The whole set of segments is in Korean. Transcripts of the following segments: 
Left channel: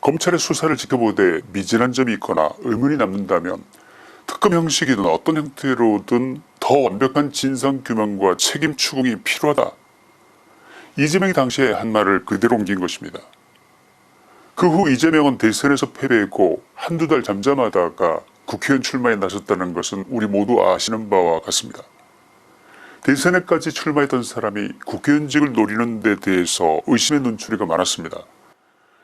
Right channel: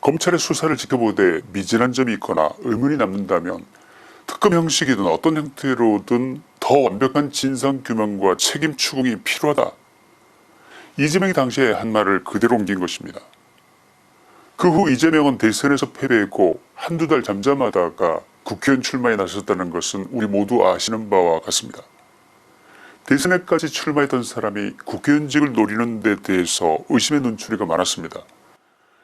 검찰의 수사를 지켜보되 미진한 점이 있거나 의문이 남는다면 특검 형식이든 어떤 형태로든 더 완벽한 진상규명과 책임 추궁이 필요하다. 이재명이 당시에 한 말을 그대로 옮긴 것입니다. 그 후 이재명은 대선에서 패배했고 한두 달 잠잠하다가 국회의원 출마에 나섰다는 것은 우리 모두 아시는 바와 같습니다. 대선에까지 출마했던 사람이 국회의원직을 노리는 데 대해서 의심의 눈초리가 많았습니다.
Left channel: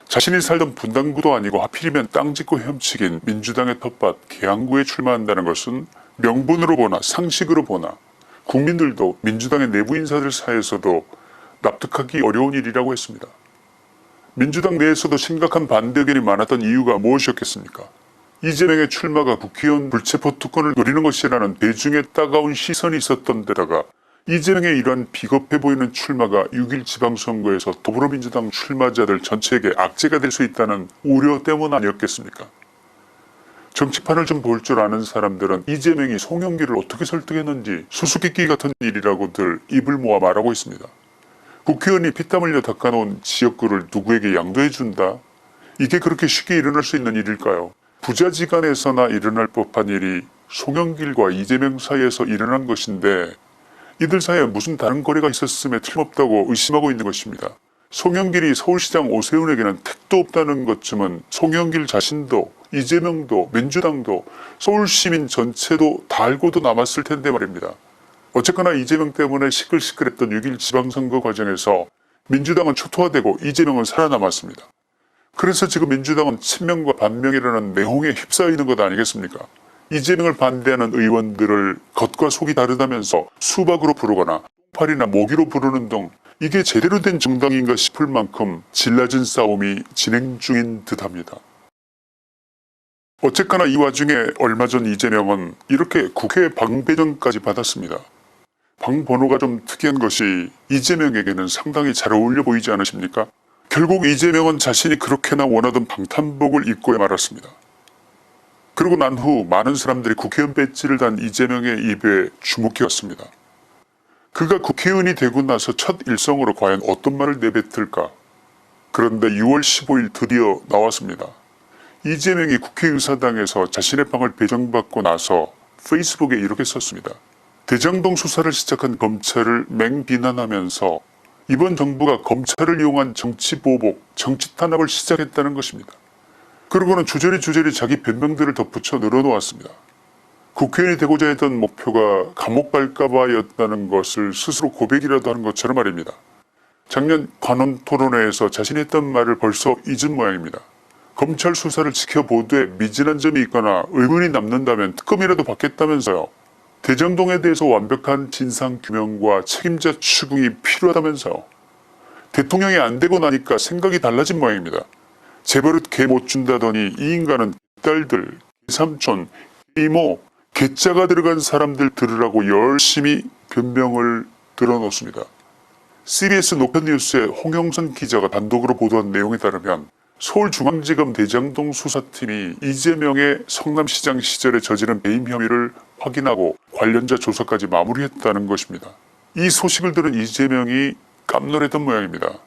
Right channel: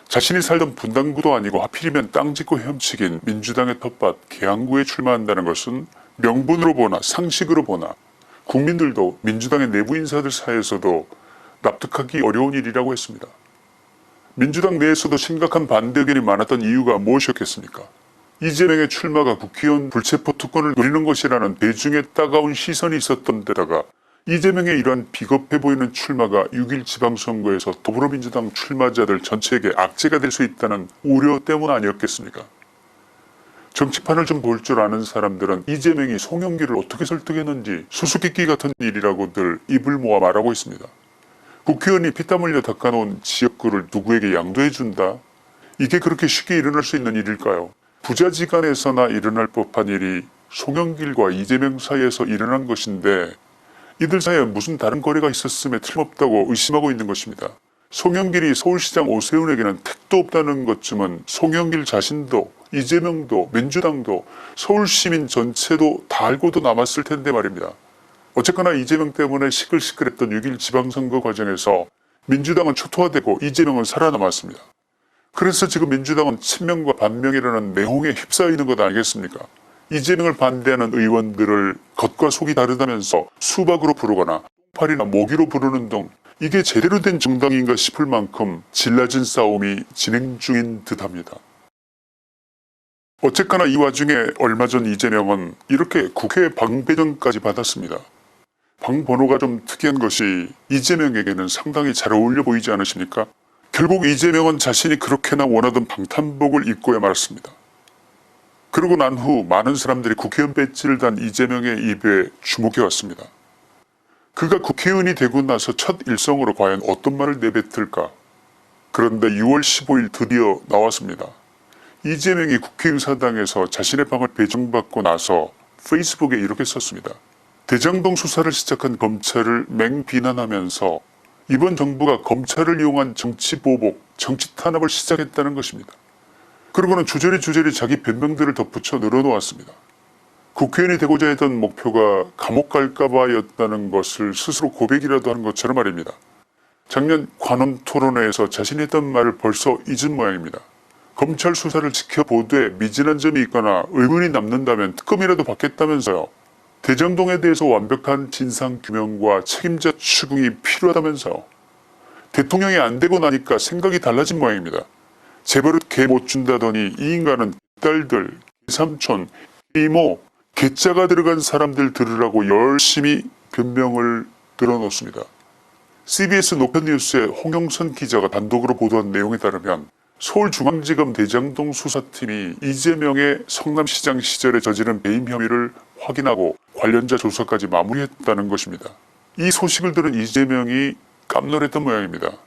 자신이 살던 분당구도 아니고 하필이면 땅 짓고 헤엄치긴 민주당의 텃밭 계양구에 출마한다는 것은 명분으로 보나 상식으로 보나 국민들도 민주당의 내부 인사들 사이에서도 납득하기 어려운 일이라고 했습니다. 민주당 내에서도 심각한 반대 의견이 많았던 이유가 무엇이었겠습니까? 이재명의 출마가 국회의원 불체포 특권을 노리는 것이라는 대중의 따가운 시선이 있었던 데다가 이재명의 이러한 비겁해 보이는 출마가 6.1 지방선거에서 더불어민주당 출마자들 전체에게 악재가 될 수 있다는 우려 때문 아니었겠습니까? 정치판을 좀 볼 줄 아는 사람들은 이재명이 송영길을 어떻게 설득했는지 수수께끼 같은 일이라고들 입을 모아 말하고 있습니다. 국회의원이 피땀 흘려 닦아놓은 지역구를 누구에게 양도해준다? 이게 그렇게 쉽게 일어날 수 있는 일일까요? 부자지간에서나 일어날 법한 일이 송영길과 이재명 사이에서 일어난 것인데 이들 사이에 무슨 다른 거래가 있었음에 틀림없다고 의심하고 있는 것입니다. 송영길이 서울시장 오세훈에게는 택도 없다는 것쯤은 송영길 자신도 이재명도 민주당도 서울시민 전체도 다 알고도 남았을 텐데 말입니다. 어쨌거나 이재명 때문에 시끌시끌했던 6.1 지방선거 과정에서 민주당은 초토화되고 이재명은 살아남았습니다. 그래서 지금 민주당은 친명과 반명이라는 내홍에 휩싸이는 것 아니겠습니까? 이재명을 반대하는 의원들을 겉과 속이 다르다면서 수박으로 부르거나 팔이나 모기로 부르는 등 이게 제대로 된 정당인가 싶을 만큼 질라진 싸움이 진행 중인 듯합니다. 어쨌거나 이 와중에 얼마 전 이재명은 이렇게 국회 방배정까지 받았습니다. 방 번호가 좀 특이한 것이 이재명에게는 상당히 잘 어울려 보이지 않으십니까? 결국 이재명은 자신이 그렇게나 원하던 방탄복을 입고 말았습니다. 그러고 난 후 많은 사람들이 국회의원 배지를 단 이재명의 입에 주목해왔습니다. 그가 국회의원이 되고 나서 첫 일성으로 과연 어떤 말을 내뱉을까? 그런데 6월 15일 드디어 나왔습니다. 이재명이 국회의사당에서 자신의 방을 배정받고 나서 페이스북에 이렇게 썼습니다. 대장동 수사를 시작한 검찰을 맹비난하면서 이번 정부가 검찰을 이용한 정치보복, 정치탄압을 시작했다는 것입니다. 그러고는 주저리 자기 변명들을 덧붙여 늘어놓았습니다. 국회의원이 되고자 했던 목표가 감옥 갈까봐였다는 것을 스스로 고백이라도 하는 것처럼 말입니다. 작년 관원 토론회에서 자신이 했던 말을 벌써 잊은 모양입니다. 검찰 수사를 지켜보되 미진한 점이 있거나 의문이 남는다면 특검이라도 받겠다면서요. 대장동에 대해서 완벽한 진상규명과 책임자 추궁이 필요하다면서요. 대통령이 안 되고 나니까 생각이 달라진 모양입니다. 재벌은 개 못 준다더니 이 인간은 딸들, 삼촌, 이모, 개자가 들어간 사람들 들으라고 열심히 변명을 들어놓습니다. CBS 녹화뉴스의 홍영선 기자가 단독으로 보도한 내용에 따르면 서울중앙지검 대장동 수사팀이 이재명의 성남시장 시절에 저지른 배임 혐의를 확인하고 관련자 조사까지 마무리했다는 것입니다. 이 소식을 들은 이재명이 깜놀했던 모양입니다.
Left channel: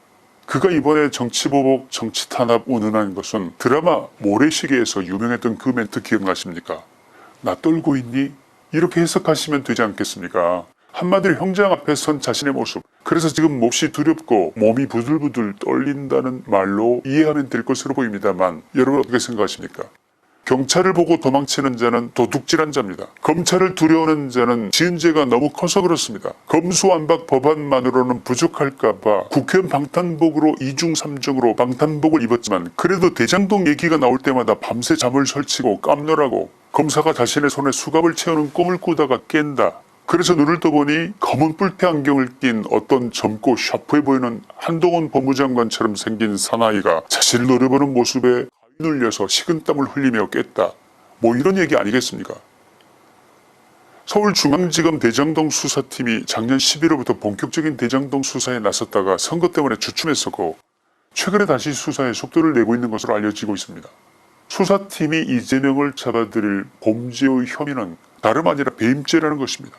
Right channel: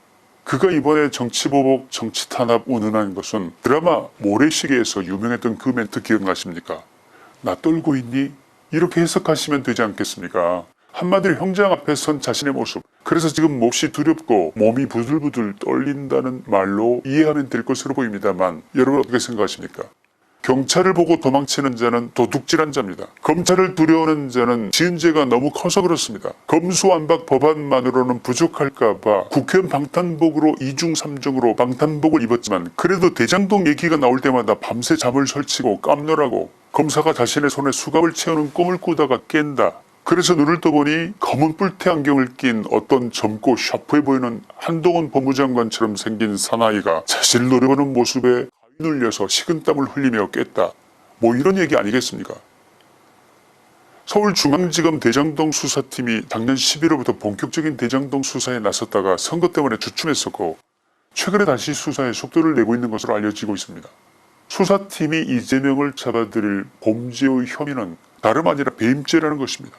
그가 이번에 정치보복, 정치탄압 운운한 것은 드라마 모래시계에서 유명했던 그 멘트 기억나십니까? 나 떨고 있니? 이렇게 해석하시면 되지 않겠습니까? 한마디로 형장 앞에 선 자신의 모습, 그래서 지금 몹시 두렵고 몸이 부들부들 떨린다는 말로 이해하면 될 것으로 보입니다만 여러분 어떻게 생각하십니까? 경찰을 보고 도망치는 자는 도둑질한 자입니다. 검찰을 두려워하는 자는 지은 죄가 너무 커서 그렇습니다. 검수완박 법안만으로는 부족할까봐 국회의원 방탄복으로 2중 3중으로 방탄복을 입었지만 그래도 대장동 얘기가 나올 때마다 밤새 잠을 설치고 깜놀하고 검사가 자신의 손에 수갑을 채우는 꿈을 꾸다가 깬다. 그래서 눈을 떠보니 검은 뿔테 안경을 낀 어떤 젊고 샤프해 보이는 한동훈 법무장관처럼 생긴 사나이가 자신을 노려보는 모습에 눌려서 식은땀을 흘리며 깼다. 뭐 이런 얘기 아니겠습니까? 서울중앙지검 대장동 수사팀이 작년 11월부터 본격적인 대장동 수사에 나섰다가 선거 때문에 주춤했었고 최근에 다시 수사에 속도를 내고 있는 것으로 알려지고 있습니다. 수사팀이 이재명을 잡아들일 범죄의 혐의는 다름 아니라 배임죄라는 것입니다.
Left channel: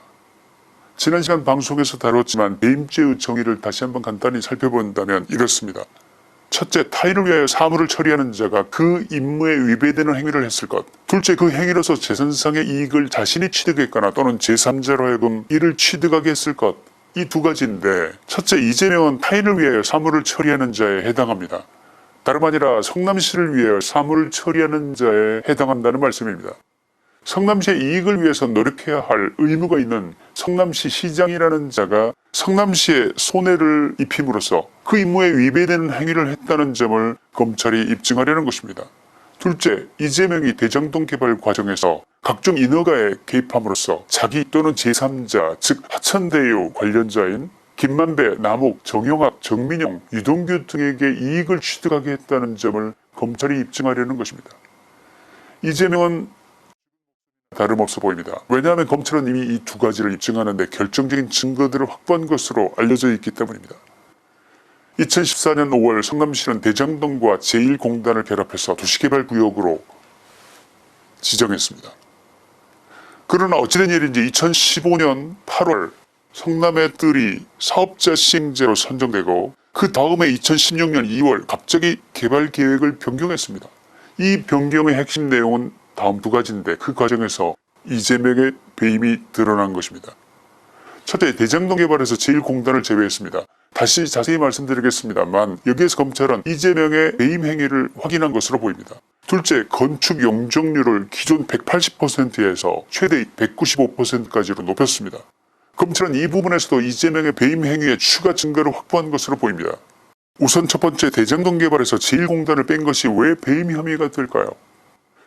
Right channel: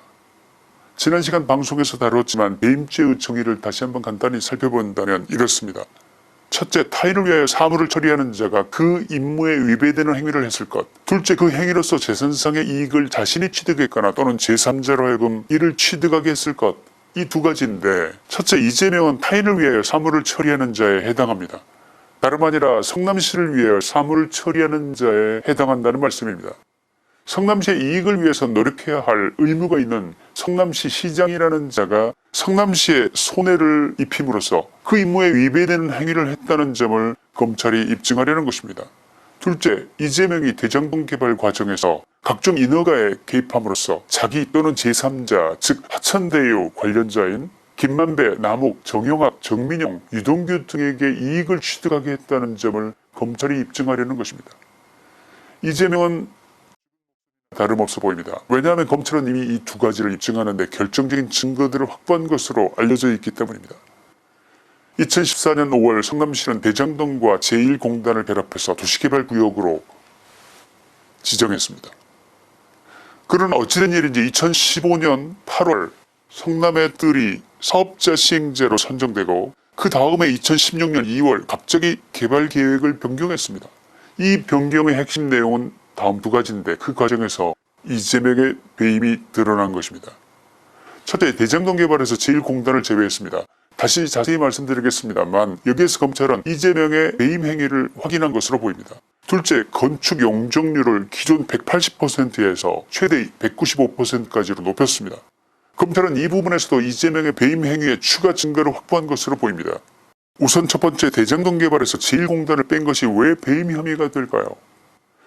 지난 시간 방송에서 다뤘지만 배임죄의 정의를 다시 한번 간단히 살펴본다면 이렇습니다. 첫째, 타인을 위하여 사물을 처리하는 자가 그 임무에 위배되는 행위를 했을 것. 둘째, 그 행위로서 재산상의 이익을 자신이 취득했거나 또는 제3자로 하여금 이를 취득하게 했을 것. 이 두 가지인데, 첫째, 이재명은 타인을 위하여 사물을 처리하는 자에 해당합니다. 다름 아니라 성남시를 위하여 사물을 처리하는 자에 해당한다는 말씀입니다. 성남시의 이익을 위해서 노력해야 할 의무가 있는 성남시 시장이라는 자가 성남시에 손해를 입힘으로써 그 임무에 위배되는 행위를 했다는 점을 검찰이 입증하려는 것입니다. 둘째, 이재명이 대장동 개발 과정에서 각종 인허가에 개입함으로써 자기 또는 제3자, 즉 하천대유 관련자인 김만배, 남욱, 정영학, 정민용, 유동규 등에게 이익을 취득하게 했다는 점을 검찰이 입증하려는 것입니다. 이재명은 다름없어 보입니다. 왜냐하면 검찰은 이미 이 두 가지를 입증하는데 결정적인 증거들을 확보한 것으로 알려져 있기 때문입니다. 2014년 5월 성남시는 대장동과 제1공단을 결합해서 도시개발구역으로 지정했습니다. 그러나 어찌된 일인지 2015년 8월 성남의 뜰이 사업자 시행자로 선정되고 그 다음에 2016년 2월 갑자기 개발 계획을 변경했습니다. 이 변경의 핵심 내용은 다음 두 가지인데 그 과정에서 이재명의 배임이 드러난 것입니다. 첫째, 대장동 개발에서 제1공단을 제외했습니다. 다시 자세히 말씀드리겠습니다만 여기에서 검찰은 이재명의 배임 행위를 확인한 것으로 보입니다. 둘째, 건축 용적률을 기존 180%에서 최대 195%까지로 높였습니다. 검찰은 이 부분에서도 이재명의 배임 행위에 추가 증거를 확보한 것으로 보입니다. 우선 첫 번째, 대장동 개발에서 제1공단을 뺀 것이 왜 배임 혐의가 될까요?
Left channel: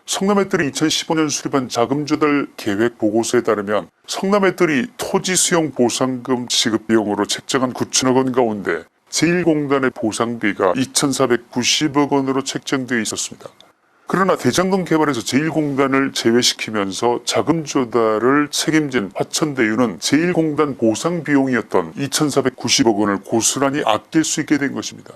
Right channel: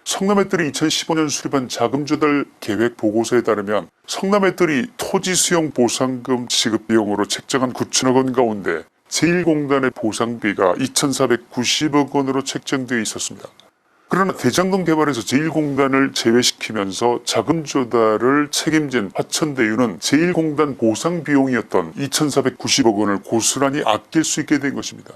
성남의뜰이 2015년 수립한 자금 조달 계획 보고서에 따르면 성남의뜰이 토지 수용 보상금 지급 비용으로 책정한 9천억 원 가운데 제1공단의 보상비가 2,490억 원으로 책정되어 있었습니다. 그러나 대장동 개발에서 제1공단을 제외시키면서 자금 조달을 책임진 화천대유는 제1공단 보상 비용이었던 2,490억 원을 고스란히 아낄 수 있게 된 것입니다.